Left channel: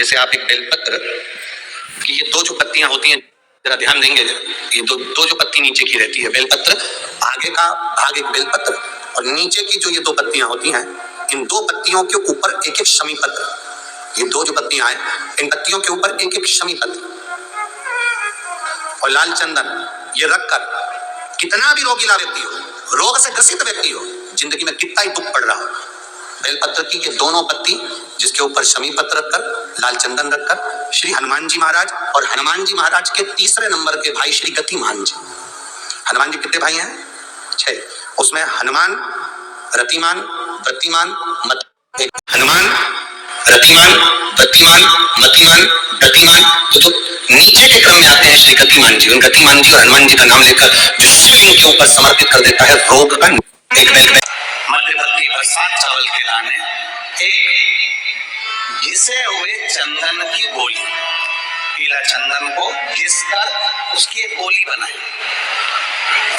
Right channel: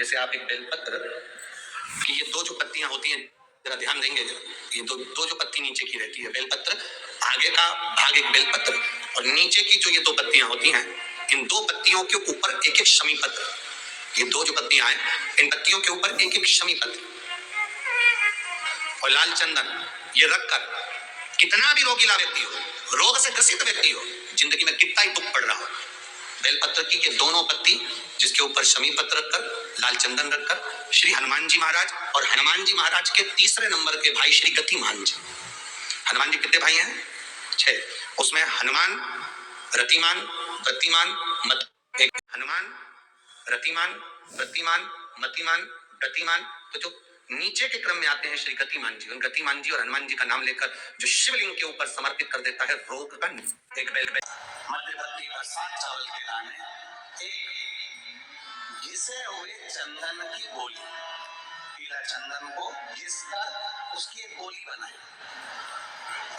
जैसे आप एक बेलपत्र की ये दो जो पत्तियां होती हैं, जरा ध्यान देंगे, ये दो जो पत्ती नीचे की रहती है बेलपत्र, आगे का भाग एक बेलपत्र और नीचे की जो ये दो पत्तियां होती हैं, इन दो पत्तियों के ऊपर एक एक शमी पत्र। ये दो जो पत्तियां हैं, इन पत्तियों के ऊपर एक एक शमी पत्र और लाल चंदन ये रखकर कितना भी रोगीला व्यक्ति हो, रोग से ग्रसित व्यक्ति हो, जिंदगी में कितना ही दुख पड़ रहा हो, बेलपत्र की ये दोनों पत्ती जिसके ऊपर शमी पत्र रखकर, लाल चंदन रखकर श्री हनुमान जी महाराज और हनुमान जी महाराज के तीसरे नंबर के भाई श्री गतिमान जी। हनुमान जी कितने भाई हैं? 6। उसमें हनुमान, रतिमान, गतिमान, मत। हनुमान, रतिमान, गतिमान, मतिमान, गतिमान, तो नीचे के क्रम में आते हैं श्री गतिमान जी। उन गतिमान जी और हनुमान जी का नाम लेकर जो शिवलिंग के ऊपर समर्पित कर देता है रोग का एक मध्य भक्ति पर 7 चावल के दाने, एक घिसे हुए चंदन की गोली, पीला चंदन को घिसकर उसकी एक गोली बनाई,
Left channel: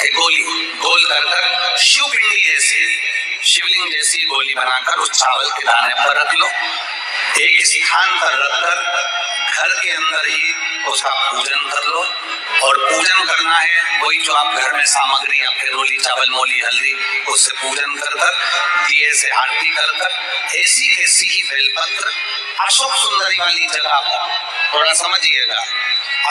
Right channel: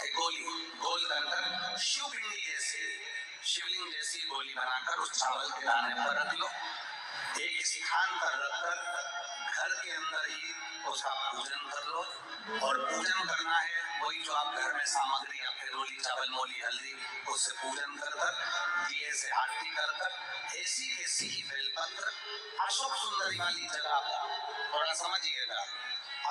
एक गोली गोल कर शिवपिंडी जैसी, शिवलिंग जैसी गोली बनाकर उस चावल के दाने पर रख लो। एक स्थान पर रखकर घर के अंदर ही उसका पूजन कर लो। और पूजन करना है वही जो आप घर में सामग्री, आपके रोली, चावल, मोली, हल्दी, उससे पूजन कर दिए से आरती कर ऐसी कैसी ही बेलपत्र अशोक सुंदरी वाली जगह पर, थोड़ा समझिएगा,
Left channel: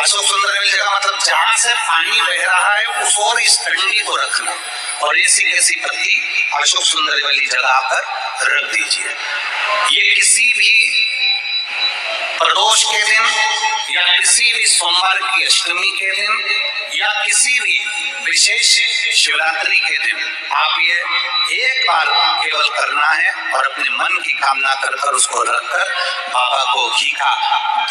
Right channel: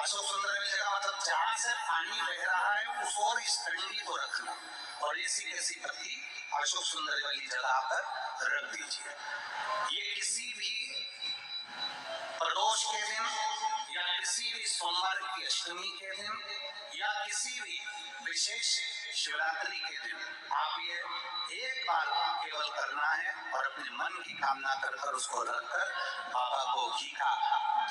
अशोक सुंदरी वाली जगह मतलब जहां से पानी बह रहा है उस और इस डंडी को रखना और ऐसी कैसी पत्ती अशोक सुंदरी वाली जगह पर रख दीजिए। ये किसी भी प्रदोष के दिन या किसी भी सोमवार की अष्टमी के दिन या किसी भी विशेष शिवरात्रि के दिन आप ये एक बार केवल करना है और अपने मन की कामना कर उसको रखकर बाबा को घी का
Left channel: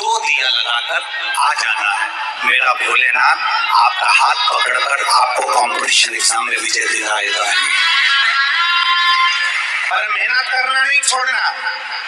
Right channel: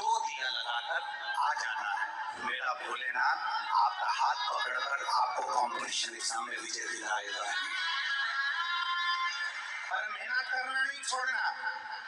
2 दिया लगाकर आ जाना है। मेरा भोलेनाथ आपका हाथ पकड़कर आपको कंपटीशन एग्जाम में विजय दिलाएगा। पर मेहनत करना नहीं छोड़ना,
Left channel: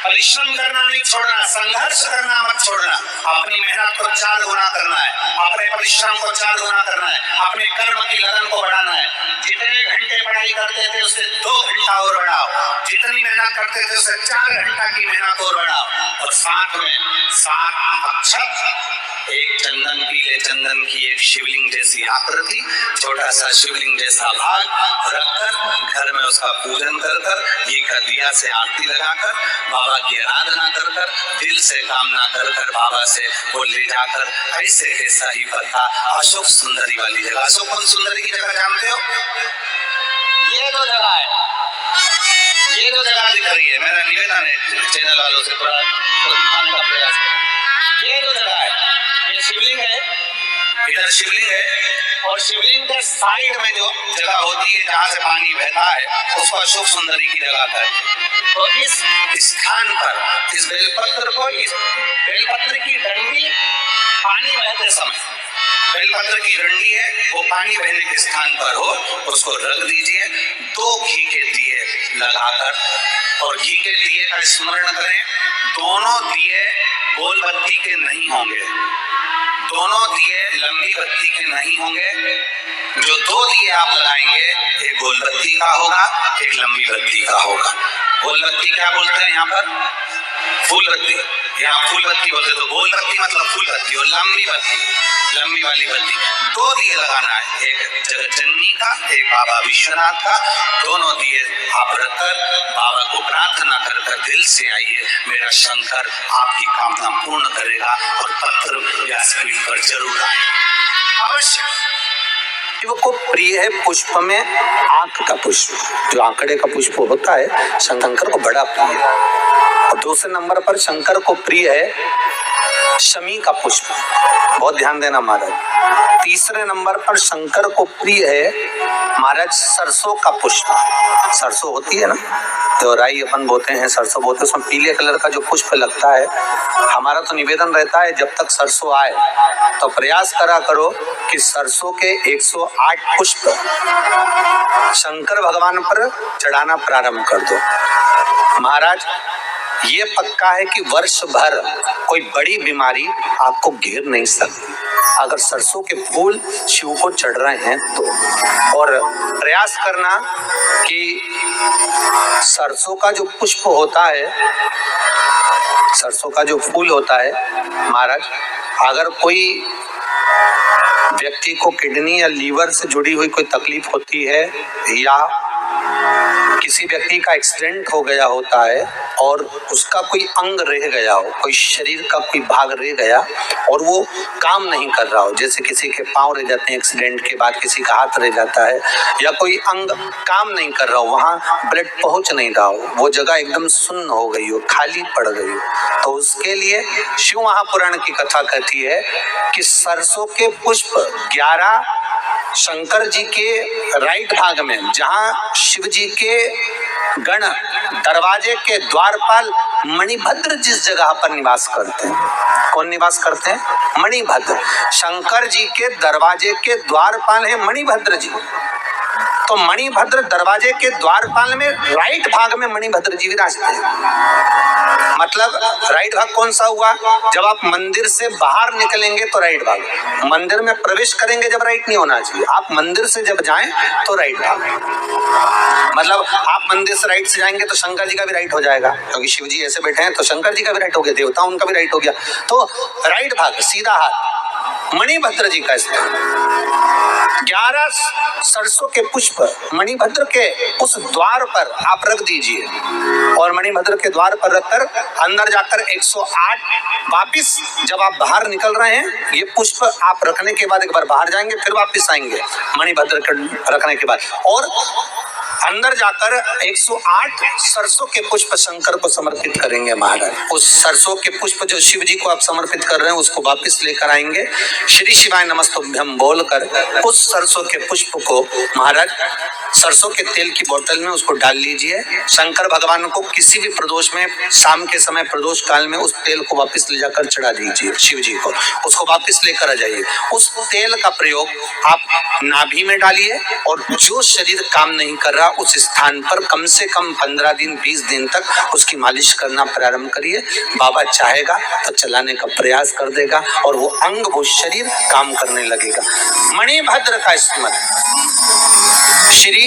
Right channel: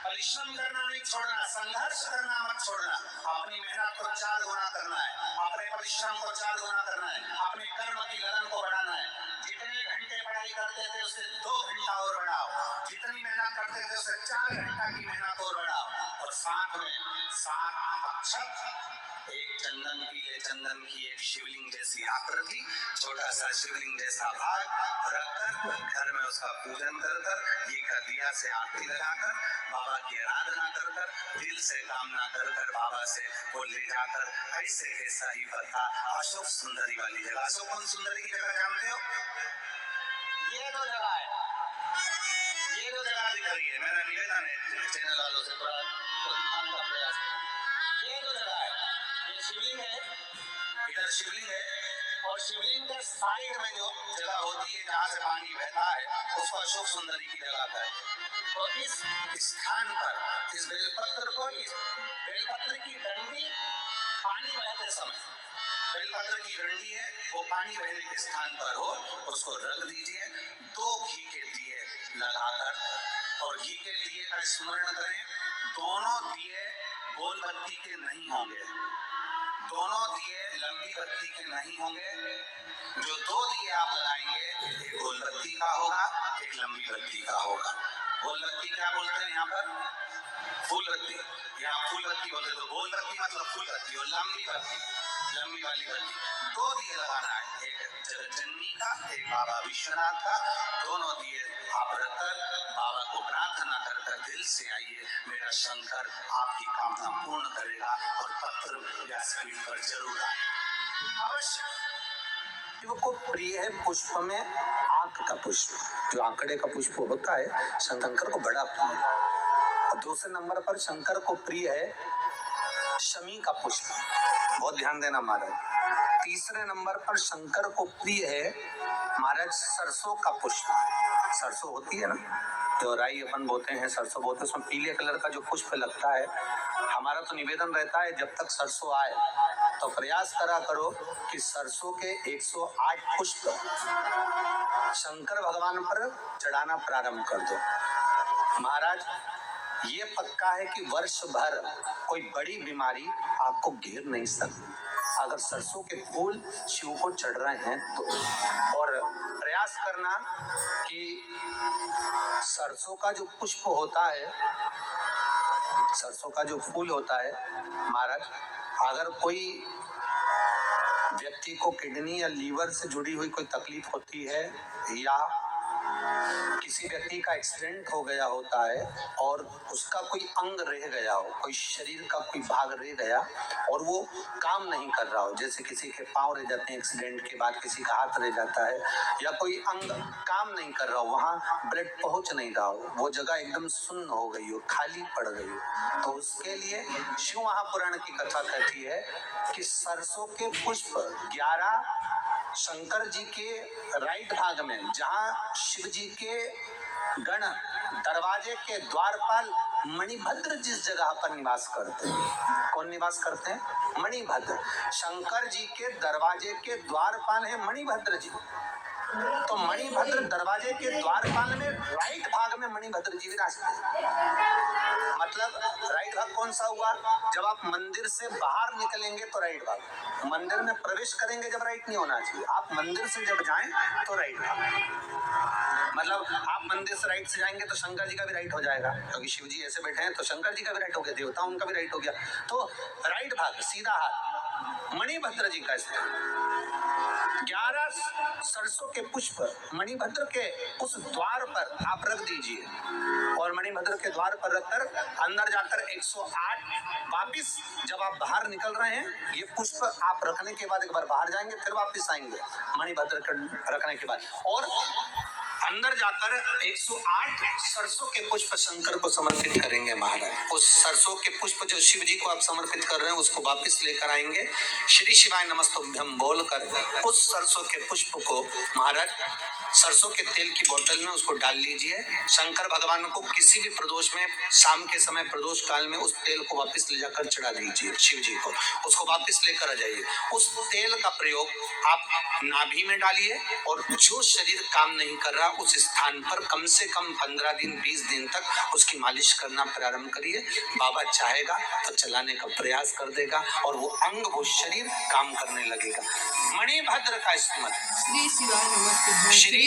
परिश्रम करना नहीं छोड़ना, संघर्ष करना मत छोड़ना। अपनी मेहनत को 4 गुना करना है, अपने परिश्रम को 4 गुना करना है, अपने कर्म की लगन को बढ़ाना है। जितने घंटे पढ़ाई करते थे उससे 2 घंटा और बढ़ाओ, जितनी मेहनत करते थे उससे 4 घंटा की मेहनत और बढ़ाओ। और साथ में 7 अक्षत, एक चंदन, पीले चंदन की एक शिवलिंग जैसी आकृति, छोटा सा शिवलिंग जैसा भाग रखकर घर में उसका पूजन कर ये का दिया से आरती लगाकर बाबा की आराधना कर दिल से कामना कर बाबा से वो ले जाकर ऐसे कैसा ही पता अशोक सुंदरी वाली जगह। अशोक सुंदरी की जगह जानते हो? ये 2 जगह है, ये 2 जगह दिख रही है। मेरा निवेदन है चैनल वालों से थोड़ा दिखाने का प्रयास करें। ये 2 जगह है, ये शिवलिंग है, इधर शिवलिंग है और शिवलिंग के साइड में जो जगह होती है जहाँ से पानी बहता है उसको अशोक सुंदरी की जगह कहते। तो इस स्थान पर इस बेलपत्र को, इस बेलपत्र की डंडी पानी बहते समय, बेलपत्र की डंडी है वो पानी बहने के स्थान पर हो, उसको रख दीजिए। 2 घी के दिए लगाकर और घी के दिए का स्मरण करें। दोनों दिए गोल बत्ती के नहीं होंगे, दोनों दिए लंबी बत्ती के नहीं होंगे। जो 2 दिए आप लगाएंगे एक गोल बत्ती का होगा, एक लंबी बत्ती का होगा। गोल बत्ती क्या बोलते हैं यहाँ पर? फूल बत्ती, यहाँ फूल बत्ती बोलते। तो गोल बत्ती मतलब फूल बत्ती और लंबी बत्ती, लंबी वाली बत्ती। 2 दिए लगाना है, एक जगतजननी का, एक बाबा विश्वनाथ का। दोनों दिए आप रखकर बाबा को प्रार्थना कर दिल से आइए, मेरा शंकर आपकी कामना पूर्ण करेगा और पत्र व्यासपीठ पर जरूर आए अवश्य। शिव को प्रिय है पुष्प में आंख का पुष्प, जो आंकड़े का पुष्प होता है शंकर को बड़ा प्रिय है। और दूसरे नंबर पर शंकर को प्रिय है शमी का पुष्प, बहुत ध्यान देना महाराज। तीसरे नंबर पर शंकर को प्रिय है महाराज सरसों का पुष्प। सरसों होती है ना, तो राई अपन बोते हैं, सरसों बोते हैं, उसमें पीले कलर का जो पुष्प लगता है। हमारा तो निवेदन रहता है जब तक सरसों आए तो प्रयास करा करो कि सरसों के 108 पुष्प शंकर भगवान पर चढ़ाना प्रारंभ कर दो। महाराज ये पक्का है कि वर्ष भर कोई बड़ी बीमारी आपको घेर नहीं सकती अगर सरसों के फूल शिव को चढ़ रहे हैं तो। और प्रयास करना कि सरसों का जो पुष्प होता है, सरसों का जो फूल होता है महाराज, अगर कोई व्यक्ति को किडनी या लीवर से जुड़ी हुई कोई तकलीफ होती है या किसी व्यक्ति का एक्सीडेंट हो गया होता है और उसका कोई अंग रह गया हो, कोई शरीर का कोई भाग रह गया और वो काम नहीं कर रहा हो, जैसे किसी के पांव रह जाते हैं एक्सीडेंट के बाद, किसी का हाथ रह जाता है या कोई अंग काम नहीं कर रहा हो, वहां ब्लड पहुंच नहीं रहा हो, वो जगह एकदम सुन्न हो गई हो, खाली पड़ गई हो, तो उसके लिए शिव महापुराण की कथा कहती है कि सरसों के पुष्प 11 शंकर जी के राइट भाग में, जहां शिव जी के गण दरवाजे के द्वारपाल मणिभद्र जिस जगह पर निवास करते हैं, कौन निवास करते हैं? मणिभद्र। शंकर जी के दरवाजे के द्वारपाल है मणिभद्र जी। तो मणिभद्र दरवाजे के द्वारपाल में राइट भाग में मणिभद्र जी विराजते हैं। मतलब राइट भाग कौन सा हुआ? जब आप मंदिर से बाहर निकलेंगे तो राइट भाग, मंदिर में प्रवेश करेंगे जब राइट नहीं होना चाहिए, आप मंदिर से जब जाएं तो राइट भाग। मतलब आप मंदिर से राइट से जाएंगे तो शंकर जी का भी राइट हो जाएगा, क्योंकि शिव जी ऐसे बैठे हैं तो शंकर जी का भी राइट हो गया, देवता उनका भी राइट हो गया, तो राइट भाग सीधा हाथ मणिभद्र जी का स्थान। 11 सरसों के पुष्प मणिभद्र के उस द्वार पर आप रख दीजिए और मणिभद्र के द्वार पर रखकर अंदर जाकर 108 वापिस जब आप बाहर निकल रहे हैं, ये पुष्प आप रखने के बाद एक बार बाहर जाएंगे, फिर वापिस आएंगे मणिभद्र के रखने के बाद, और अंदर जाकर 108 सरसों के पुष्प शंकर को समर्पित करेंगे महाराज। उस सरसों के पुष्प जो शिव जी को आप समर्पित कर रहे हैं उसको वापस लेकर आएंगे, श्री शिवाय नमस्तुभ्यम बोलकर उस सरसों के पुष्प को महाराज सरसों के तेल की बोतल में उसको डाल लीजिए। शंकर भगवान को किसी भी प्रदोष में, शाम के समय प्रदोष काल में उस तेल को वापस ले जाकर चढ़ा दीजिए शिव जी को, उसको वापस लेकर आ जाइए। उस तेल का प्रयोग आप नाभि में डालिए और जो शरीर काम नहीं कर रहा उस स्थान पर कम से कम 15 दिन 20 दिन तक उसकी मालिश करना प्रारंभ करिए। बाबा चाहेगा तो चलाने का प्रयास कर देगा और वो अंग, वो शरीर काम करने लगेगा। मणिभद्र का स्मरण, श्री